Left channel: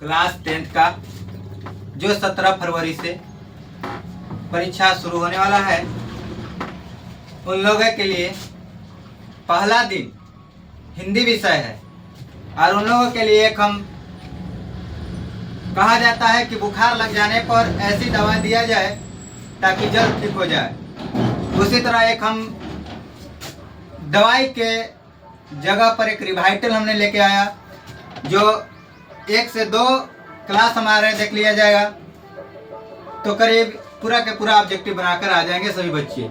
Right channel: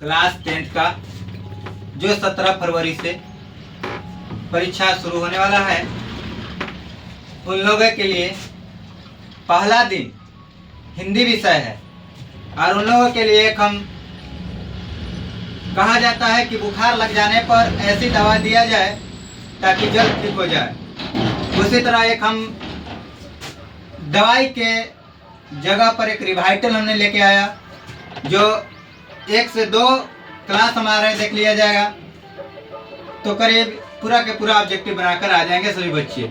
Class 10th का जो 17 फरवरी से परीक्षा शुरू होने वाला है, उन लोगों के लिए पहला दिन हिंदी विषय है। और उन लोगों के लिए एक हम कहा जाता है कि बुखार लग जाने पर ऐसी दवा दिया जाए ताकि जल्द ठीक हो जाए। उसी तरह एक हम दवाई के जगह पर एक रिवाइटल हमने लेके आया, जो 1 से 2 क्लास हमारे देख लिया जाएगा तो करीब पूरा के पूरा ऑब्जेक्टिव बनाकर आ जाएंगे सभी बच्चे।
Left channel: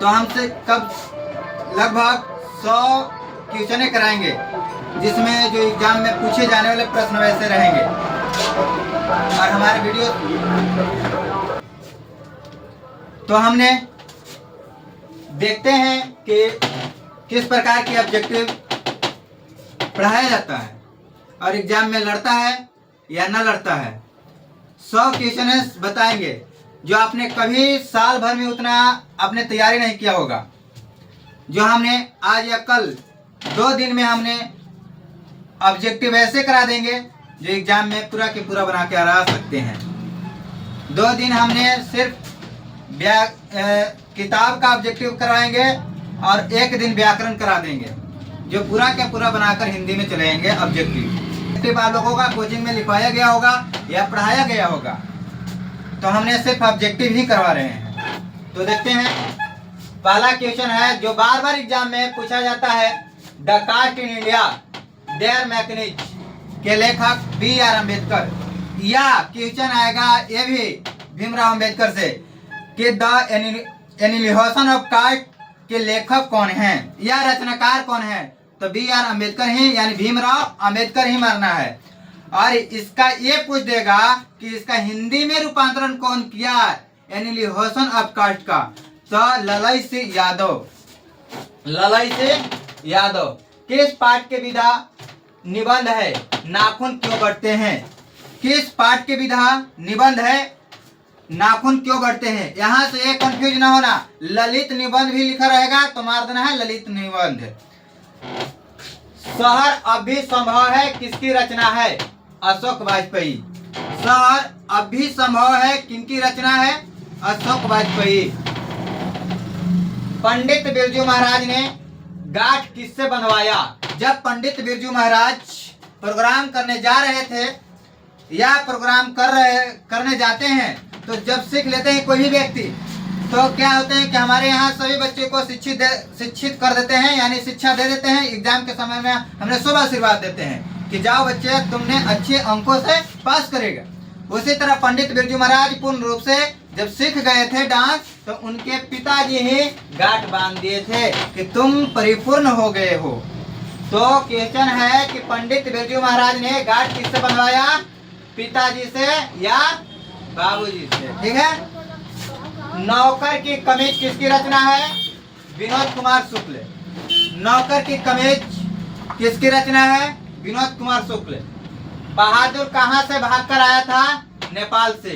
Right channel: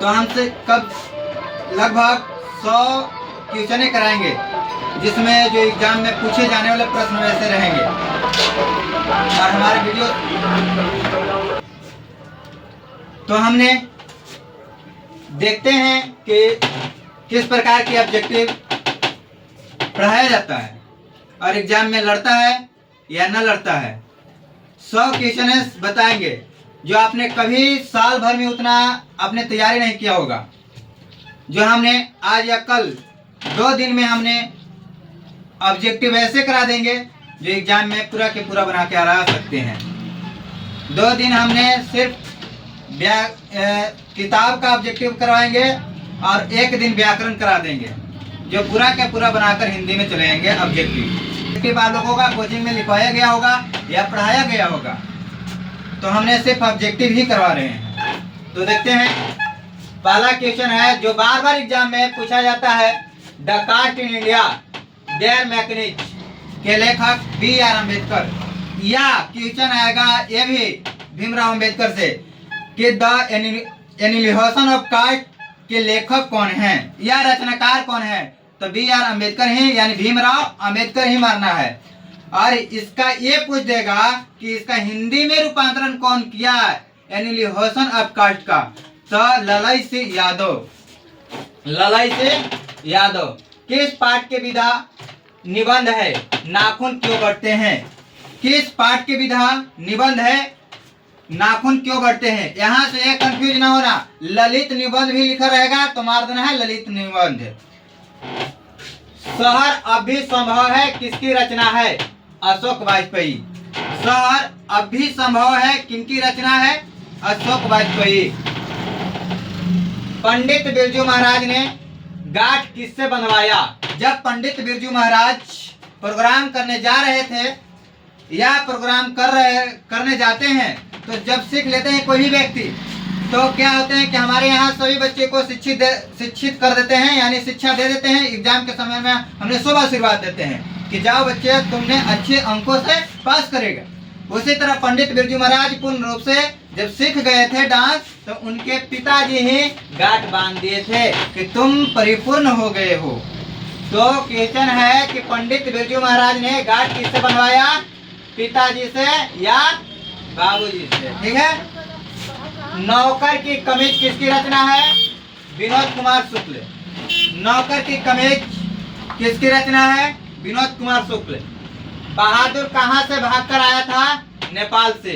तो हमसे कब लगभग 100 क्वेश्चन कराएंगे, जिसमें जो एग्जाम में पूछे जाने वाले प्रश्न वैसे रहेंगे। और हमारे वीडियो तो हमने देखते हैं कि किस प्रकार के ऑब्जेक्टिव पढ़ाया जाता है और एग्जाम में लड़ता है या न लड़ता है। 100 क्वेश्चन बताएंगे जो आपने कभी साल भर में उतना आपने तैयारी नहीं किया होगा, जो हमने आज या कल 2 दिन में हमने ऑब्जेक्टिव ऐसे करा देंगे जो एग्जाम में पूरा के पूरा बना के आ सकते हैं। 2 दिन हमने सिर्फ किताब का ऑब्जेक्टिव करवाएंगे और 1 दिन व्याकरण करा देंगे, जो पूरा का पूरा बनाकर हिंदी में चलेंगे ऑब्जेक्टिव। आप लोगों का कोचिंग में लिखवाया गया होगा या पढ़ाया गया होगा, तो हमने सिर्फ ऑब्जेक्टिव ही करवा रहे हैं। तो देखते हैं, पहला क्वेश्चन है जो बार बार एग्जाम में पूछा जाता है, the caste in India their mechanism के लेखक B.R. अम्बेडकर। या क्वेश्चन आएगा ये भी भीमराव अम्बेडकर से कि द एनिहिलेशन ऑफ कास्ट के लेखक कौन हैं या रचनाकार कौन है, तो B.R. अम्बेडकर ही, यानी भीमराव अम्बेडकर ही मानना है। और इसका ये पूछ देगा कि इसका हिंदी में रूपांतरण कौन किया, एनिहिलेशन ऑफ कास्ट का, तो ललई सिंह यादव। ललई सिंह यादव। किस पाठ के विधा निबंध है नाखून क्यों बढ़ते हैं? किस पाठ के विधा निबंध है नाखून क्यों बढ़ते हैं? यहाँ से एक कंफ्यूज ना होना, ललित निबंध भी लिखा रहेगा तो मार देना है ललित निबंध। शहर अब भी संभव है किसकी रचना है? अशोक वाजपेयी। शहर अब भी संभव है किनकी रचना है? अशोक वाजपेयी। पंडित बिरजू महाराज ने गांठ किससे बंधवाया? जब पंडित बिरजू महाराज प्रोग्राम करने जा रहे थे या प्रोग्राम करने जाते हैं, तो जब सीख लेते हैं कोई भी व्यक्ति, तो क्या होते हैं कि हमारे यहाँ सभी बच्चे को शिक्षित कर देते हैं, यानी शिक्षा दे देते हैं। एग्जाम के समय में हमने शुभ आशीर्वाद देते हैं कि जाओ बच्चे, तुमने अच्छे अंकों से पास करेगा। उसी तरह पंडित बिरजू महाराज पूर्ण रूप से जब सीख गए थे डांस, तो उनके पिताजी ही गांठ बांध दिए थे कि तुम परिपूर्ण हो गए हो। तो क्वेश्चन है कि पंडित बिरजू महाराज ने गांठ किससे बनवाया? पिताजी से या बाबूजी से। ठीक है। नौकर की कमीज किसकी रचना है? विनोद कुमार शुक्ल। नौकर की कमीज किसकी रचना है? विनोद कुमार शुक्ल। बहादुर कहाँ से भाग कर आया था? नेपाल से।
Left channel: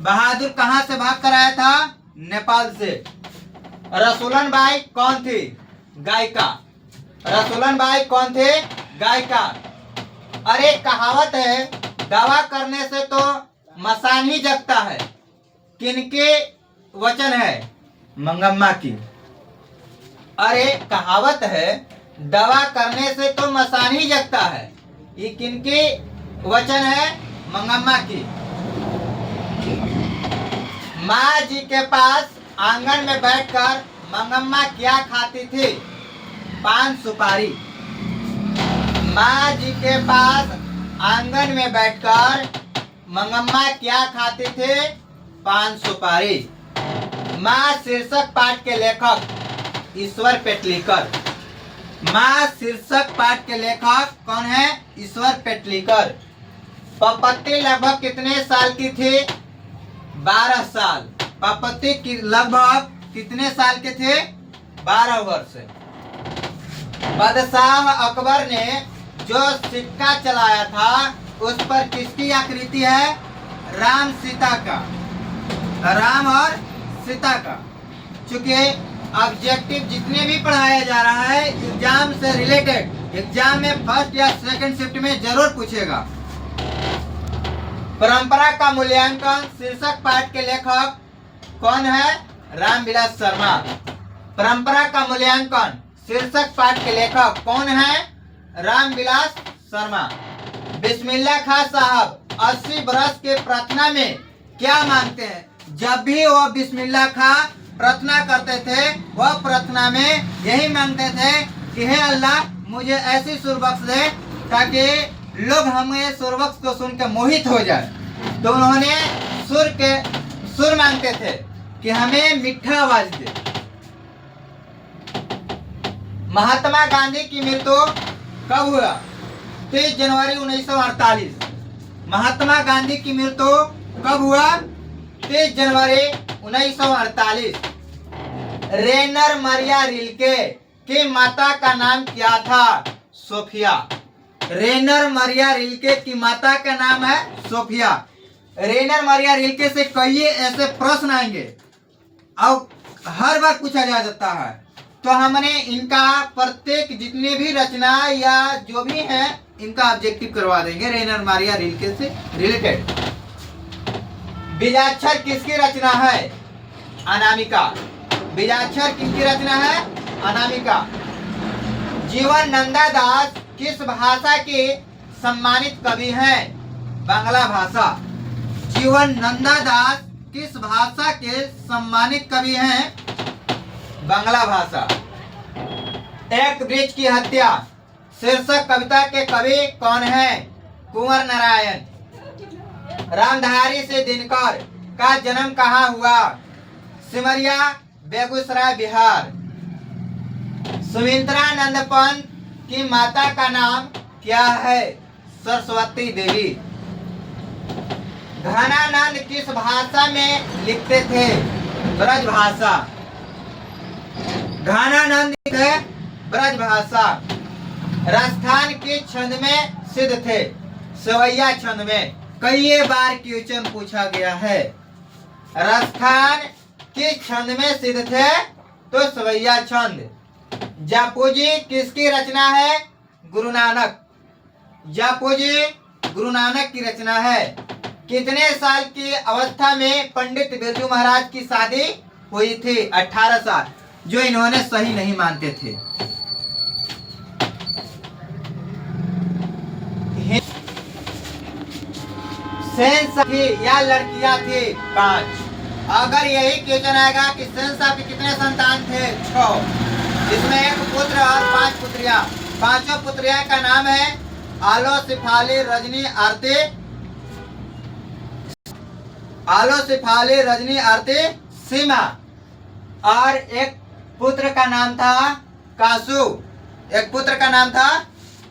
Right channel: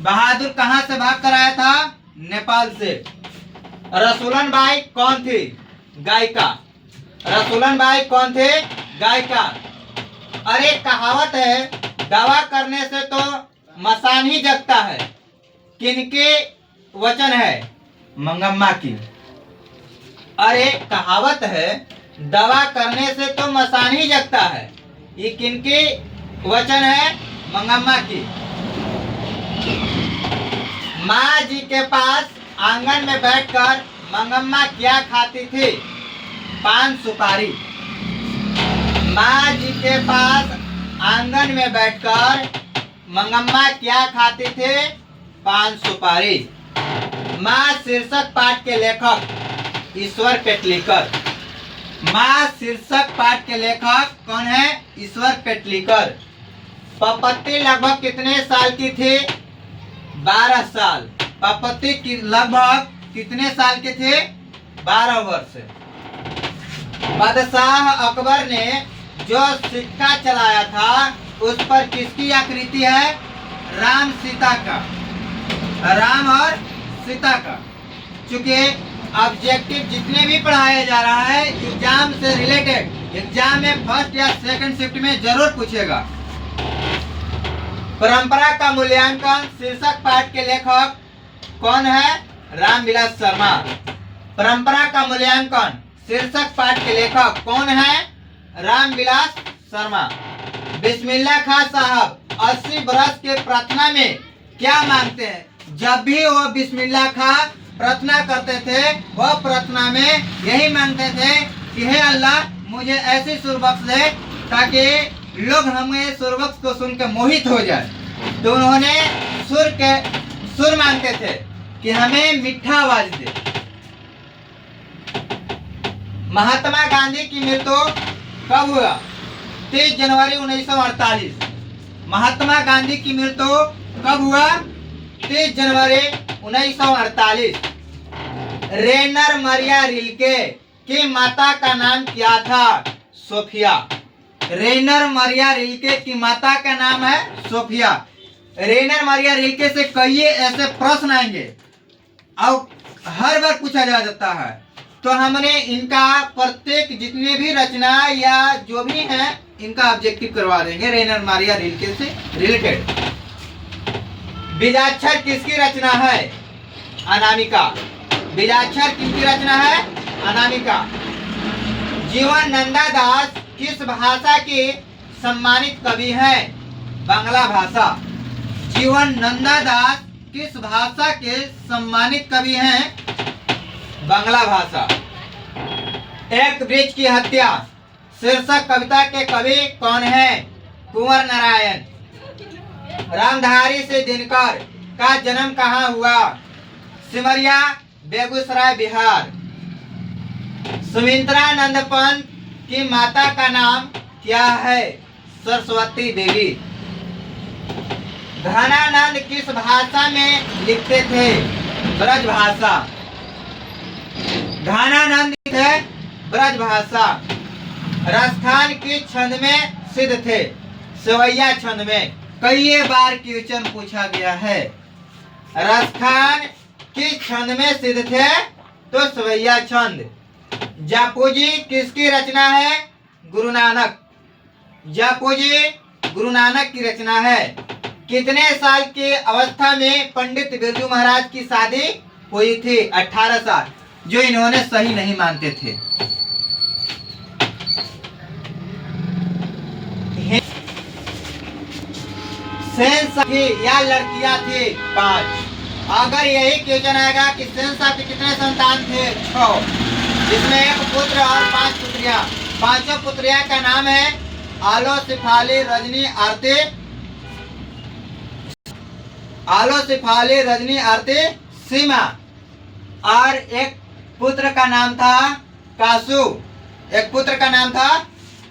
बहादुर कहाँ से भाग कर आया था? नेपाल से। रसूलन बाई कौन थी? गायिका। रसूलन बाई कौन थे? गायिका। अरे कहावत है, दावा करने से तो मसान ही जगता है। किनके वचन है? मंगम्मा की। अरे कहावत है, दवा करने से तो मसान ही जगता है, ये किनके वचन है? मंगम्मा की। माँ जी के पास आंगन में बैठकर मंगम्मा क्या खाती थी? पान सुपारी। माँ जी के पास आंगन में बैठकर मंगम्मा क्या खाती थे? पान सुपारी। माँ शीर्षक पाठ के लेखक ईश्वर पेटलीकर। माँ शीर्षक पाठ के लेखक कौन है? ईश्वर पेटलीकर। पपत्ती लगभग कितने साल की थी? 12 साल। पपत्ती की लगभग कितने साल के थे? 12 वर्ष। बादशाह अकबर ने जो सिक्का चलाया था, उस पर किसकी आकृति है? राम सीता का। राम और सीता का। चूंकि ऑब्जेक्टिव जितने भी पढ़ाया जा रहा है एग्जाम से रिलेटेड, एग्जाम में फर्स्ट या सेकंड शिफ्ट में जरूर पूछेगा। परंपरा का मूल्यांकन शीर्षक पाठ के लेखक कौन है? रामविलास शर्मा। परंपरा का मूल्यांकन शीर्षक पाठ के लेखक कौन है? रामविलास शर्मा। बिस्मिल्लाह खां साहब 80 बरस के प्रार्थना में क्या मांगते हैं? जब भी वो बिस्मिल्लाह खां प्रार्थना करते थे, वह प्रार्थना में यही मांगते थे कि हे अल्लाह, मुझे ऐसी सुर बख्श दे ताकि लोग हमें सुर बख्श को सुन के मोहित हो जाए। तो उन्होंने सुर मांगते थे कि हमें मीठा आवाज दे। महात्मा गांधी की मृत्यु कब हुआ? 23 जनवरी 1948। महात्मा गांधी की मृत्यु कब हुआ? 23 जनवरी 1948। रेनर मरिया रिल्के की माता का नाम क्या था? सोफिया। रेनर मरिया रिल्के की माता का नाम है सोफिया। रेनर मरिया रिल्के से कई ऐसे प्रश्न आएंगे और हर बार पूछा जा सकता है, तो हमने इनका प्रत्येक जितनी भी रचना या जो भी है इनका ऑब्जेक्टिव करवा देंगे रेनर मरिया रिल्के से रिलेटेड। बीजाक्षर किसकी रचना है? अनामिका। बीजाक्षर किसकी रचना है? अनामिका। जीवन नंदा दास किस भाषा के सम्मानित कवि हैं? बांग्ला भाषा। जीवन नंदा दास किस भाषा के सम्मानित कवि हैं? बांग्ला भाषा। एक वृक्ष की हत्या शीर्षक कविता के कवि कौन है? कुंवर नारायण। रामधारी से दिनकर का जन्म कहाँ हुआ? सिमरिया, बेगूसराय, बिहार। सुमित्रानंद पंत की माता का नाम क्या है? सरस्वती देवी। घनानंद किस भाषा में लिखते थे? ब्रज भाषा। घनानंद थे ब्रज भाषा। राजस्थान किस छंद में सिद्ध थे? सवैया छंद में। कई बार क्वेश्चन पूछा गया है। राजस्थान किस छंद में सिद्ध थे? तो सवैया छंद। जापूजी किसकी रचना है? गुरु नानक। जापूजी गुरु नानक की रचना है। कितने साल की अवस्था में पंडित बिरजू महाराज की शादी हुई थी? 18 साल, जो इन्होंने सही नहीं मानते थे। सेंस थी या लड़कियां थी? 5। अगर यही क्वेश्चन आएगा कि सेंसा के कितने संतान थे? 6, जिसमें एक पुत्र और 5 पुत्रियां। 5 पुत्रियां का नाम है आलो, सिफाली, रजनी, आरती। आलो, सिफाली, रजनी, आरती, सीमा। और एक पुत्र का नाम था कासू। एक पुत्र का नाम था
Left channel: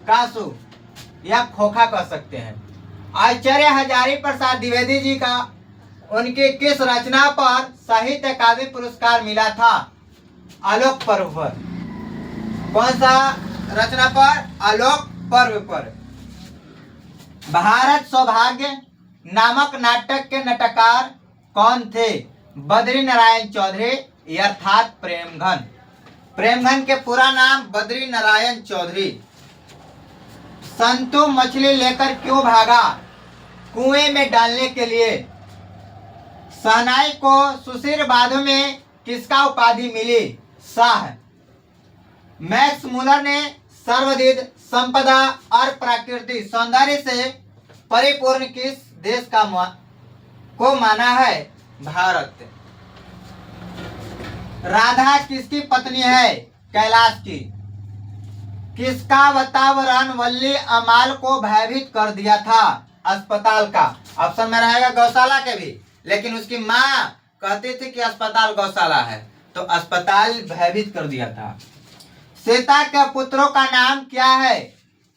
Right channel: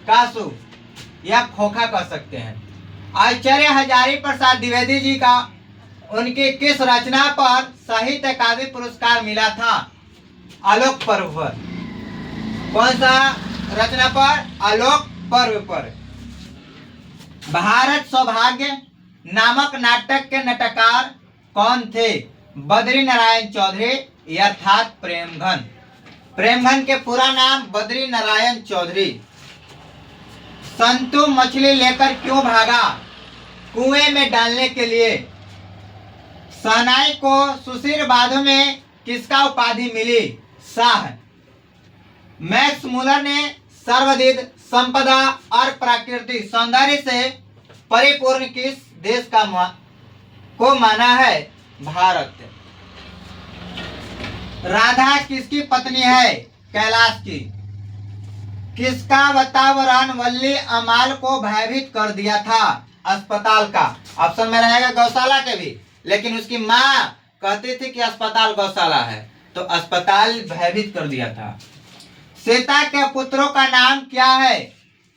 कासू या खोखा कह सकते हैं। आचार्य हजारी प्रसाद द्विवेदी जी का उनकी किस रचना पर साहित्य अकादमी पुरस्कार मिला था? आलोक पर्व पर। कौन सा रचना पर? आलोक पर्व पर। भारत सौभाग्य नामक नाटक के नाटककार कौन थे? बद्री नारायण चौधरी अर्थात प्रेमघन। प्रेमघन के पूरा नाम बद्री नारायण चौधरी। संतु मछली लेकर क्यों भागा? कुएं में डालने के लिए। शहनाई को सुशील बाधों में किसका उपाधि मिली? शाह। मैक्स मुलर ने सर्वविध संपदा और प्राकृतिक सौंदर्य से परिपूर्ण किस देश को माना है? भारत। राधा किसकी पत्नी है? कैलाश की। किसका वातावरण वल्ली अमाल को भयभीत कर दिया था? अस्पताल का। ऑप्शन में रहेगा गौशाला के भी, लेकिन उसकी माँ कहती थी कि अस्पताल गौशाला है, तो अस्पताल भयभीत कर दिया था। सीता के पुत्रों का नाम क्या है?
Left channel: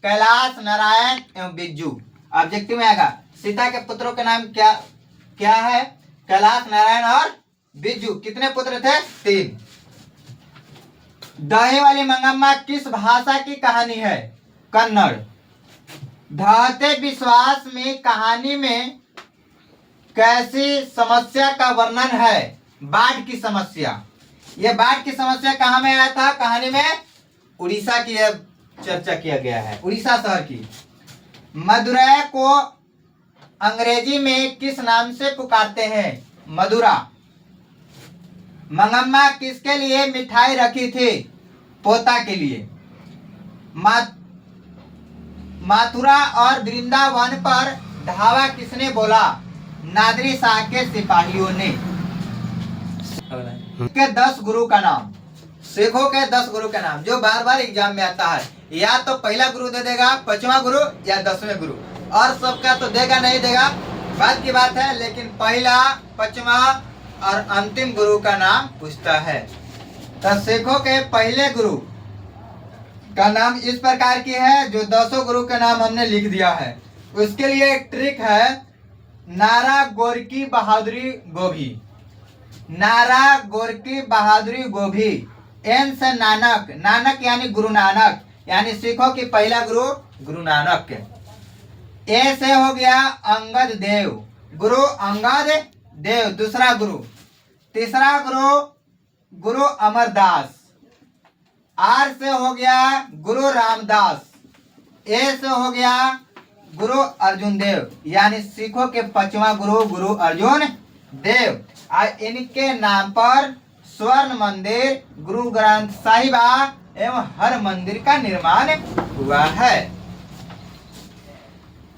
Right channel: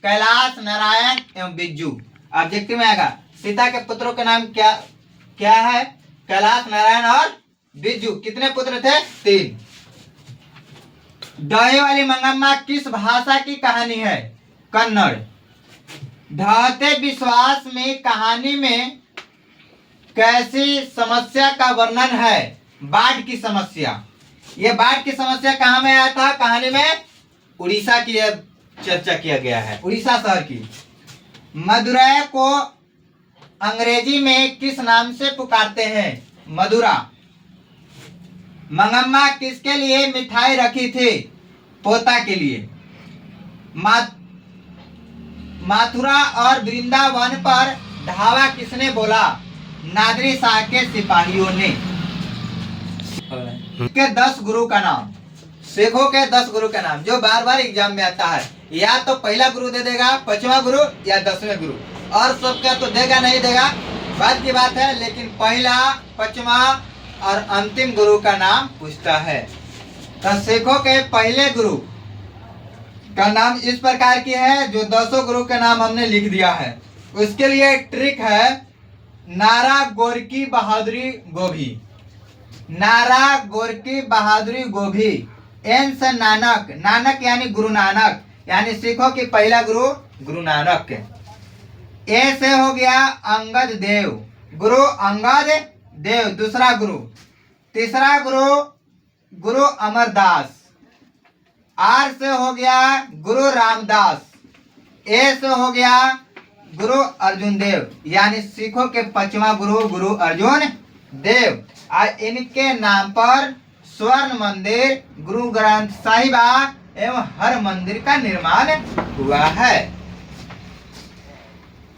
कैलाश, नारायण एवं बिज्जू। ऑब्जेक्टिव में आएगा सीता के पुत्रों के नाम क्या है? कैलाश, नारायण और बिज्जू। कितने पुत्र थे? 3। दही वाली मंगम्मा किस भाषा की कहानी है? कन्नड़। ढहते विश्वास में कहानी में कैसी समस्या का वर्णन है? बाढ़ की समस्या। यह बाढ़ की समस्या कहाँ में आया था कहानी में? उड़ीसा की चर्चा किया गया है। उड़ीसा शहर की मदुरै को अंग्रेजी में किस नाम से पुकारते हैं? मदुरा। मंगम्मा किसके लिए मिठाई रखी थी? पोता के लिए। मथुरा और वृंदावन पर धावा किसने बोला? नादिर शाह के सिपाहियों ने। के 10 गुरु का नाम, सिखों के 10 गुरु का नाम जो बार बार एग्जाम में आता है। या तो पहला गुरु दे देगा, 5वां गुरु या 10वें गुरु, और सबका तो देगा नहीं देगा बात की बात है, लेकिन पहला, 5वां और अंतिम गुरु का नाम पूछता है। तो सिखों के पहले गुरु का नाम इस प्रकार की है, जो 10 गुरु के नाम हमने लिख दिया है। उसके लिए एक ट्रिक है, नारा गोरकी बहादुरी गोभी। नारा गोरकी बहादुरी गोभी। एन से नानक, नानक यानी गुरु नानक, यानी सिखों की पहला गुरु गुरु नानक। ए से हो गया अंगद देव, गुरु अंगद देव दूसरा गुरु। तीसरा गुरु गुरु अमरदास। आर से हो गया गुरु रामदास। ए से हो गया गुरु अर्जुन देव, यानी सिखों के 5वां गुरु गुरु अर्जुन देव। और इनके नाम पर स्वर्ण मंदिर, गुरु ग्रंथ साहिबा एवं हर मंदिर का निर्माण हुआ है।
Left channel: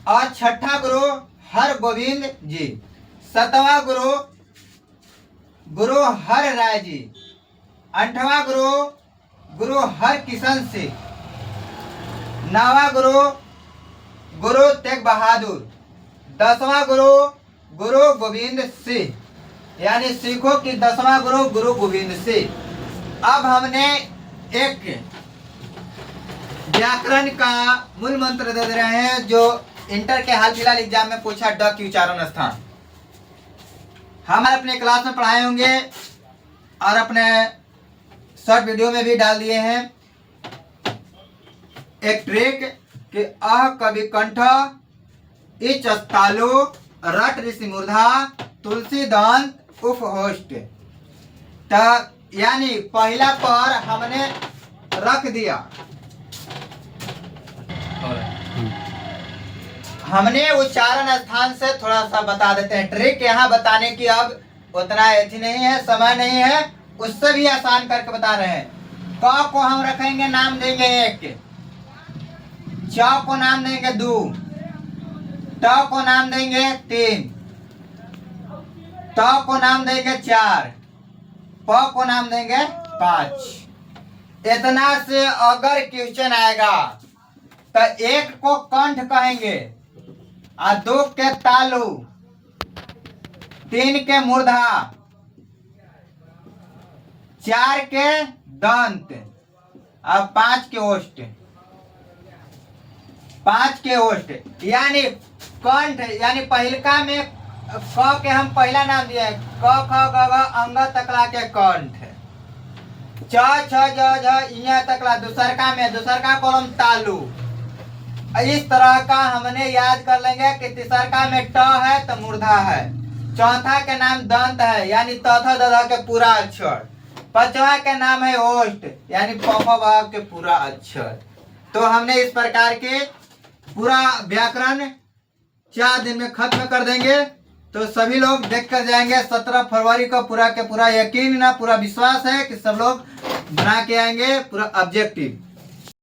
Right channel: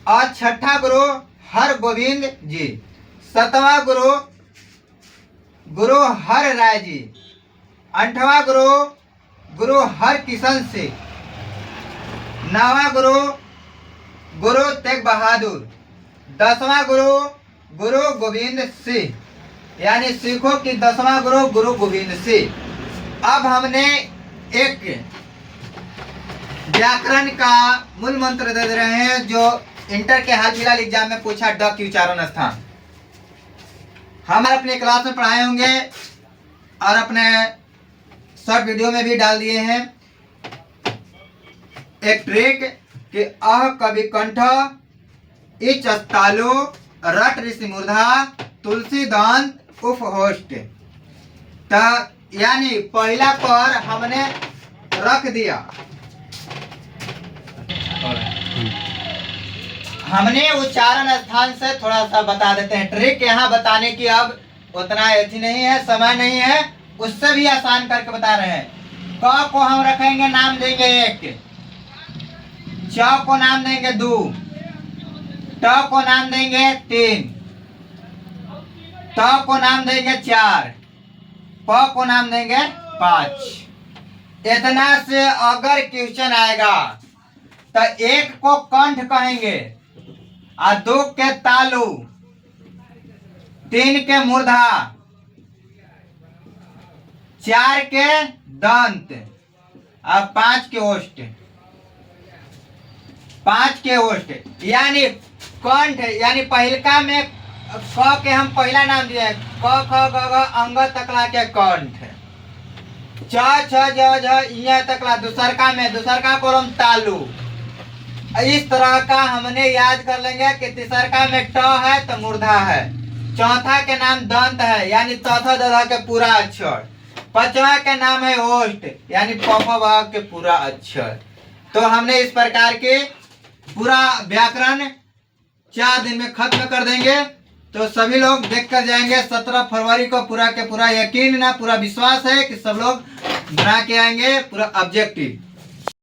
और 6ठा गुरु हर गोविंद जी। 7वां गुरु गुरु हर राय जी। 8वां गुरु गुरु हर किशन सिंह। 9वां गुरु गुरु तेग बहादुर। 10वां गुरु गुरु गोविंद सिंह, यानी सिखों की 10वां गुरु गुरु गोविंद सिंह। अब हमने एक व्याकरण का मूल मंत्र दे रहे हैं, जो इंटर के हाल फिलहाल एग्जाम में पूछा, ड की उच्चारण स्थान। हम अपने क्लास में पढ़ाए होंगे और अपने शॉर्ट वीडियो में भी डाल दिए हैं। एक ट्रिक कि अह कवि कंठ, इच अस्तालो, रट ऋषि मूर्धा, तुलसी दंत उफ होस्ट। यानी पहला पर हमने रख दिया, हमने उच्चारण स्थान से थोड़ा सा बता देते हैं। ट्रिक यहाँ बताने की अब उतना ऐसी नहीं है, समय नहीं है, उससे भी आसान करके बता रहे हैं। क को हम रखेंगे, नाम देंगे 1, च को नाम देंगे 2, ट को नाम देंगे 3, त को नाम देंगे 4, प को नाम देंगे 5। इतना से अगर क्वेश्चन आएगा तो 1 को कंठ कहेंगे, और 2 के तालु, 3 के मूर्धा, 4 के दंत और 5 के ओष्ठ। 5 के ओष्ठ यानी कंठ, यानी पहिलका में क के हम पहला नाम दिए, क ख ग घ अंग तकला के कंठ। च छ ज झ इया तकला दूसरका में, दूसरका को हम तालु। इस तरह का हमने याद कर लेंगे कि तीसरका में ट है तो मूर्धा है, चौथा के नाम दंत है, यानी तथा दधा के पूरा अक्षर, 5वां के नाम है ओष्ठ, यानी प के पूरा अक्षर। तो हमने इस प्रकार के पूरा व्याकरण 4 दिन में खत्म कर देंगे। तो सभी लोग देख कर जाएंगे 17 फरवरी को। पूरा के पूरा यकीन ना पूरा विश्वास है कि सब लोग बना के आएंगे पूरा ऑब्जेक्टिव।